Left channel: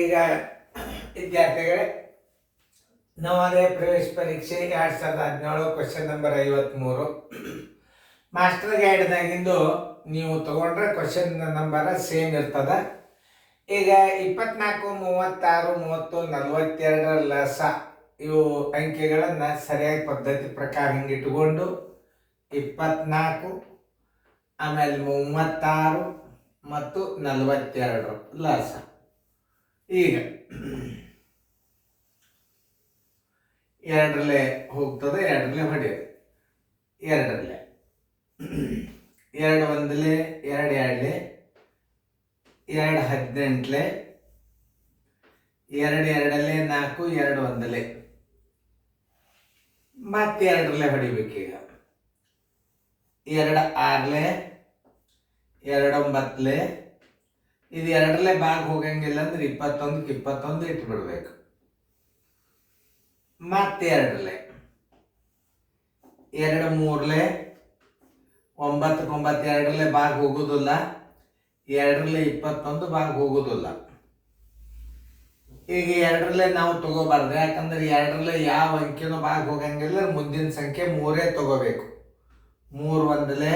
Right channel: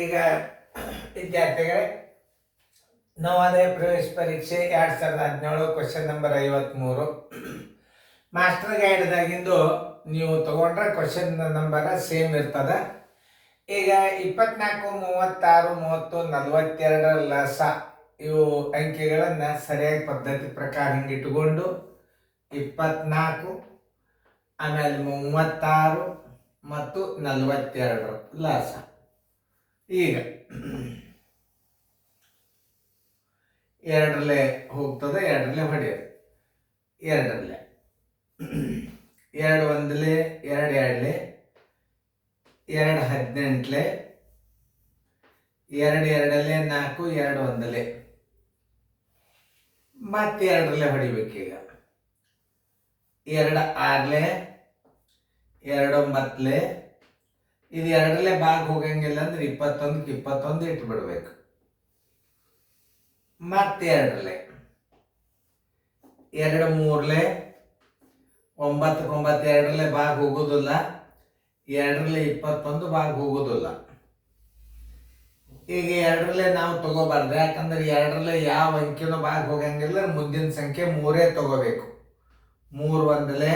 ಈಗ ವಿದ್ಯಾರ್ಥಿಗಳೇ, ನವೋದಯ ಪ್ರವೇಶ ಪರೀಕ್ಷೆ 2017 ಕ್ವಶನ್ ನಂಬರ್ 53 ಮಾಸ್ಟರ್ ಗೈಡ್ದಾಗಿಂದು ನೀವು ತಗೊಂಡ್ರೆ ಕ್ವಶನ್ ನಂಬರ್ ಸೇಮ್ ಇರ್ತದ. ಈಗ 24, 36, 30, 42 ಲಸ ಇವು ಅಂಕಿಗಳನ್ನು ಸರಿಯಾಗಿ ಪದ್ಧತಿ ಪ್ರಕಾರ ಹಿಂಗಿಟ್ಟುಕೊಂಡು 24 ಆಮೇಲೆ 36 ಮತ್ತು 42 ಲಸ. ಈಗ ಎರಡರಲ್ಲೇ ಹೋಗ್ತದೆ, ಎರಡರಲ್ಲೇ ಹೊಡೆಯೋದು. ಎರಡರಲ್ಲೇ 2 ಒಂದಲೇ, 2 ಎರಡಲೇ, 2 18ಲೇ, 2 ಎರಡಲೇ 4, 2 ಒಂದಲೇ, ಮತ್ತೆ ಎರಡರಲ್ಲೇ ಹೊಡಿಬೇಕೀಗ. 2 ಆರ್ಲೇ, 2 9ಲೇ, ಇದು ಎರಡರಲ್ಲೇ ಭಾಗ ಹೋಗಂಗಿಲ್ಲ ಅಂದ್ರೆ 21ಕ್ಕೆ 21 ಇಟ್ಬಿಡ್ಬೇಕು. ಮತ್ತೆ ಎರಡರಲ್ಲೇ 2 3ಲೇ, 9ಕ್ಕೆ 9 ಎರಡರಲ್ಲೇ ಭಾಗ ಹೋಗೋದಿಲ್ಲ, ಎರಡರಲ್ಲೇ 21 ಭಾಗ ಹೋಗೋದಿಲ್ಲ. ಈಗ ಎರಡರಲ್ಲೇ ನಾವು ತಗೋಬಾರ್ದು, ಯಾಕಂದ್ರೆ ಎರಡರಲ್ಲೇ ಯಾವ ಅಂಕಿನೂ ಭಾಗ ಹೋಗಂಗಿಲ್ಲ. ಮುಂದಿನ ಸಂಖ್ಯೆ 3 ತಗೋಬೇಕು. 3 ಒಂದಲೇ,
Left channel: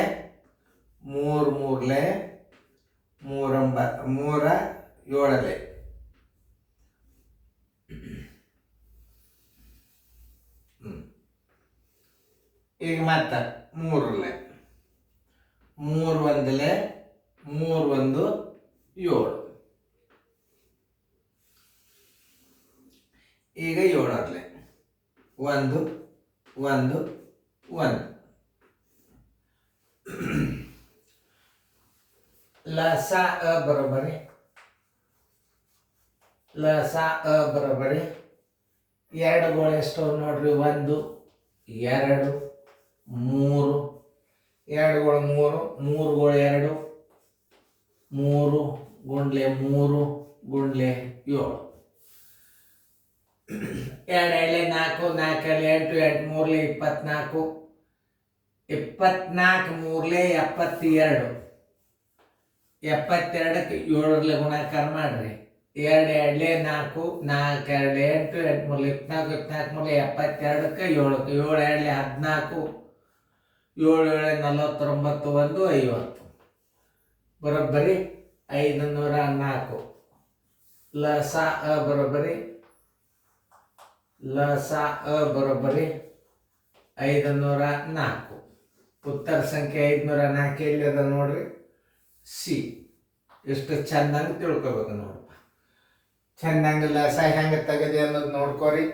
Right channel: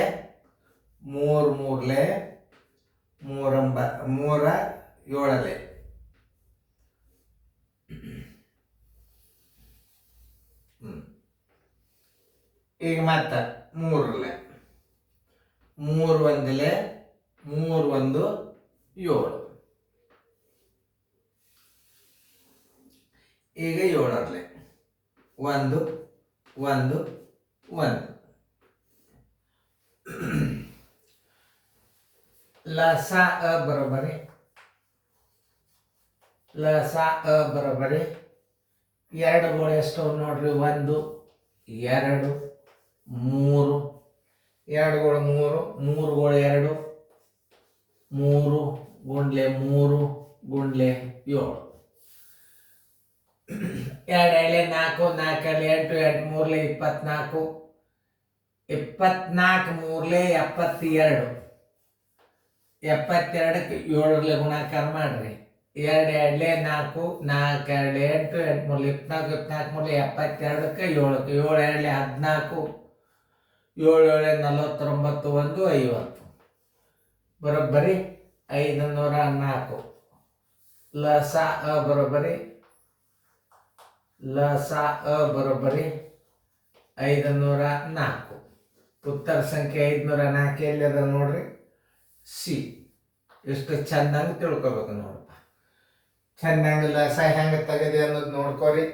3 ಮೂರಲೇ, 3 7ಲೇ. ಈಗ ಮತ್ತೆ 3ಲೇ, 3 ಒಂದಲೇ, 3 1 7. ಈಗ 7ರಲ್ಲೇ 1 1 1. लसा अ बरोबर आहे. लसा अ बरोबर आहे. 2 ಗೋಳು ಎಷ್ಟು ನೋಡ್ರಿ? 1 2 3, 2 ಗೋಳು 3, 3 ಗೋಳು 2, 3 ಗುಂಡ್ಲೆ 3 ಗುಂಡ್ಲೆ 7. 2 ಎಳೆ 4, 4 ಎಳೆ 8, 8 ಮೂರಲೇ 24, 24 ಮೂರಲೇ 72. 72ಕ್ಕೆ 7ರಲ್ಲೇ ಗುಣಾಕಾರ ಮಾಡ್ರಿ. 2 ಎರಡಲೇ 4, 4 ಎರಡಲೇ 8, 8 ಮೂರಲೇ 24, 24 ಮೂರಲೇ 72ಕ್ಕೆ 7ಕ್ಕೆ 7 ಎರಡಲೇ 14, 7 ಏಳೆ 49, 1 50. ಬರೋಬ್ಬರಿ 504. ಲಸ ಅ ಬರೋಬ್ಬರಿ, ಲಸ ಅ ಬರೋಬ್ಬರಿ 504. ಉತ್ತರ ಸಂಖ್ಯೆ 504 ಎಲ್ಲಿದೆ ನೋಡ್ರಿ? ಸಿ. ಎಷ್ಟು ಚೆನ್ನಾಗಿ ತಿಳ್ಕೊಬೇಕು ನೋಡಪ್ಪ. ಚೆನ್ನಾಗಿ ಲಸ ಹೆಂಗೆ ತೆಗೆದೆ ಅನ್ನೋದು ನೋಡ್ಕೊರಿ.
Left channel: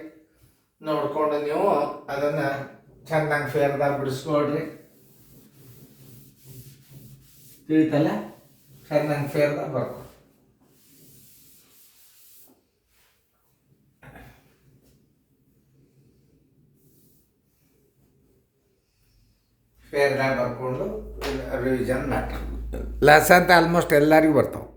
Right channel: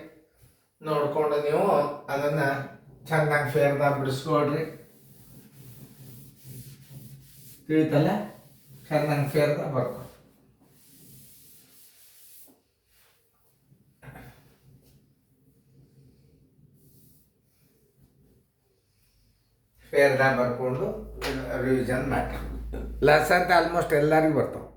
ನೋಡ್ಕೊಂಡು ನೀವು ಅದನ್ನು ಚೆನ್ನಾಗಿ ಫೇರ್ದಾಗ ಬಿಡಿಸ್ಕೊಳ್ರಿ. ತಿಳಿತಲ್ಲ? ಚೆನ್ನಾಗಿ ಫೇರ್ದಾಗ ಬರ್ಕೊ. ಫೇರ್ದಾಗ ಬರ್ಕೊಂಡು ರಿವಿಷನ್ ಮಾಡಿ. ಲಸ ಅಂತ ಆಲ್ಮೋಸ್ಟ್ ಎಲ್ಲರಿಗೂ ಬರ್ತಾವೆ.